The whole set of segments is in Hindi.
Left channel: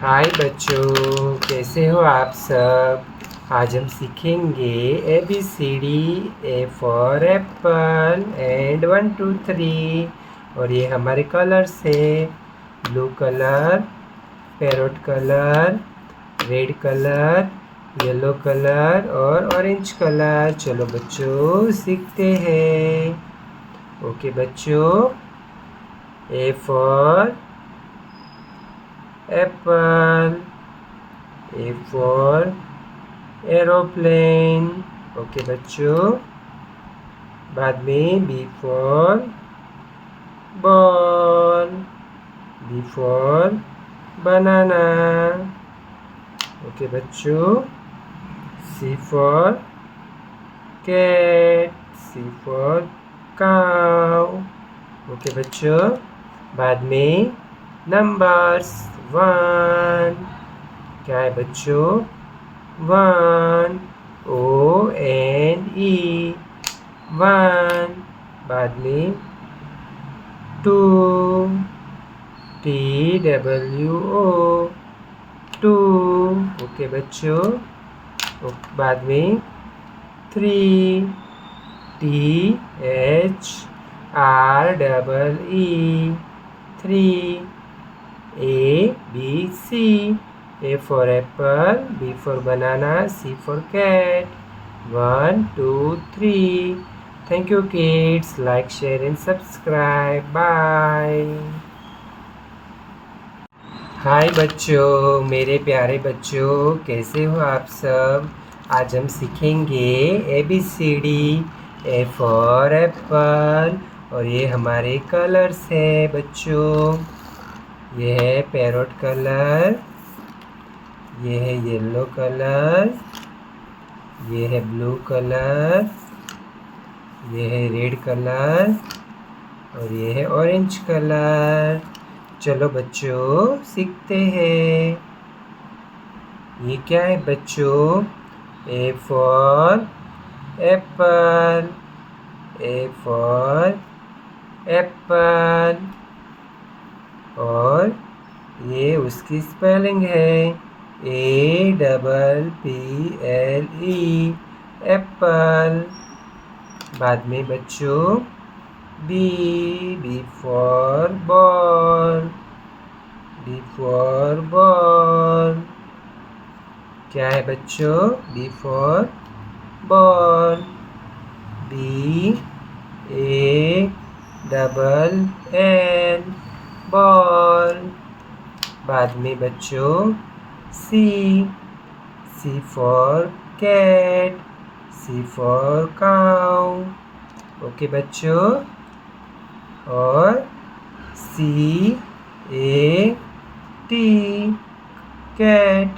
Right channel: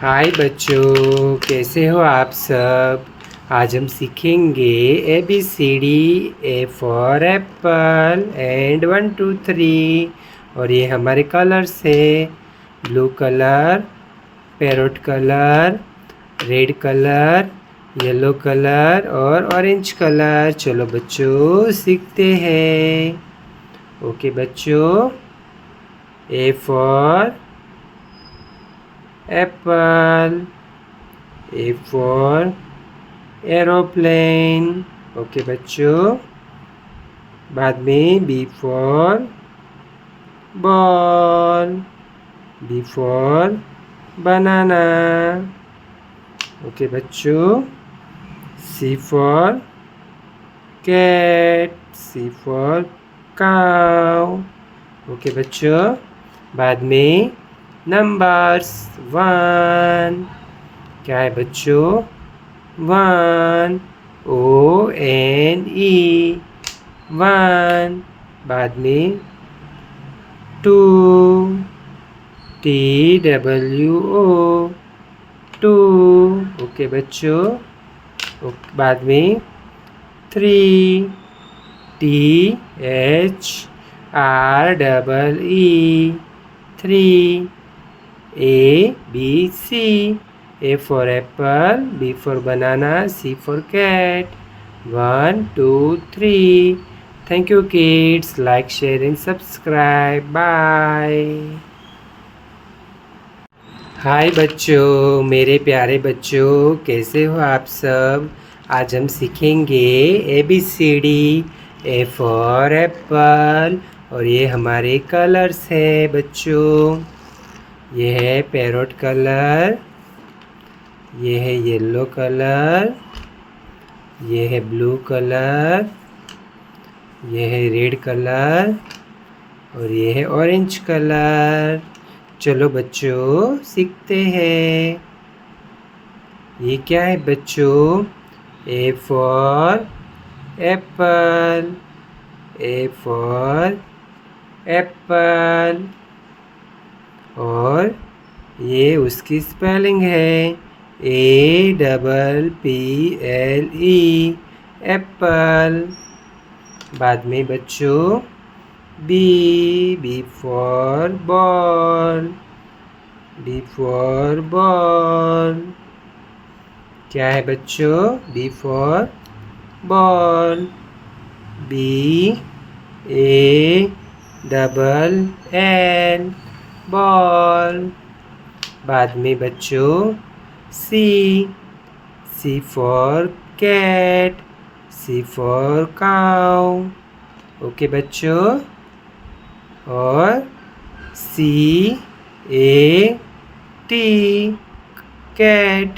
हाय बच्चों, कैसे हो आप सब। आज हम सीखेंगे ABCD। A for Apple and 1 2 3। और ये हमारे कलर्स है। Blue colour, parrot colour, red colour, yellow colour और ऑरेंज कलर। चलो बच्चों सीखते हैं। ओके बच्चों, A for apple, A for aeroplane। Okay बच्चों, बाद में B for ball, B for banana। Okay बच्चों, C for cat, C for cow। Okay बच्चों, बाद में नंबर्स 1। क्या है बच्चों? 1, ONE 1। बाद में 2, TWO 2। ओके बच्चों, बाद में 3, THREE 3। ABC, A for apple, B for banana, C for cat। 1 2 3। Thank you kids. Like, share and subscribe. Bye. हाय बच्चों, मेरे प्यारे बच्चों, कैसे हो आप सब। आज हम सीखेंगे ABCD। A for Apple. और ये हमारे कलर्स है बच्चों। ये है पैरोट कलर, ये है येलो कलर, ये है ब्लू कलर, ये है रेड कलर और ये है ऑरेंज कलर। चलो बच्चों सीखते हैं। ये क्या है बच्चों? A for Apple, A for Apple. और ये उसकी स्पेलिंग है APPLE, एप्पल। बाद में बच्चों B for ball, B for ball. क्या है बच्चों? B for ball, BALL ball. बाद में बच्चों C for cat, C for cow. Okay बच्चों, और CAT कैट।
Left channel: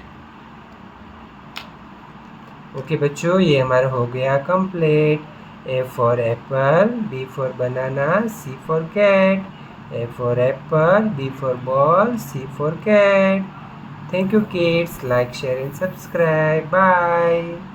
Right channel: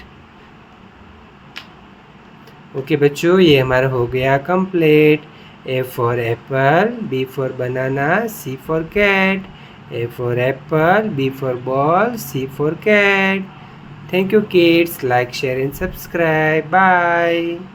ओके बच्चों, ये हमारा हो गया complete. A for apple, B for banana, C for cat, A for apple, B for ball, C for cat. Thank you kids. Like, share and subscribe. Bye.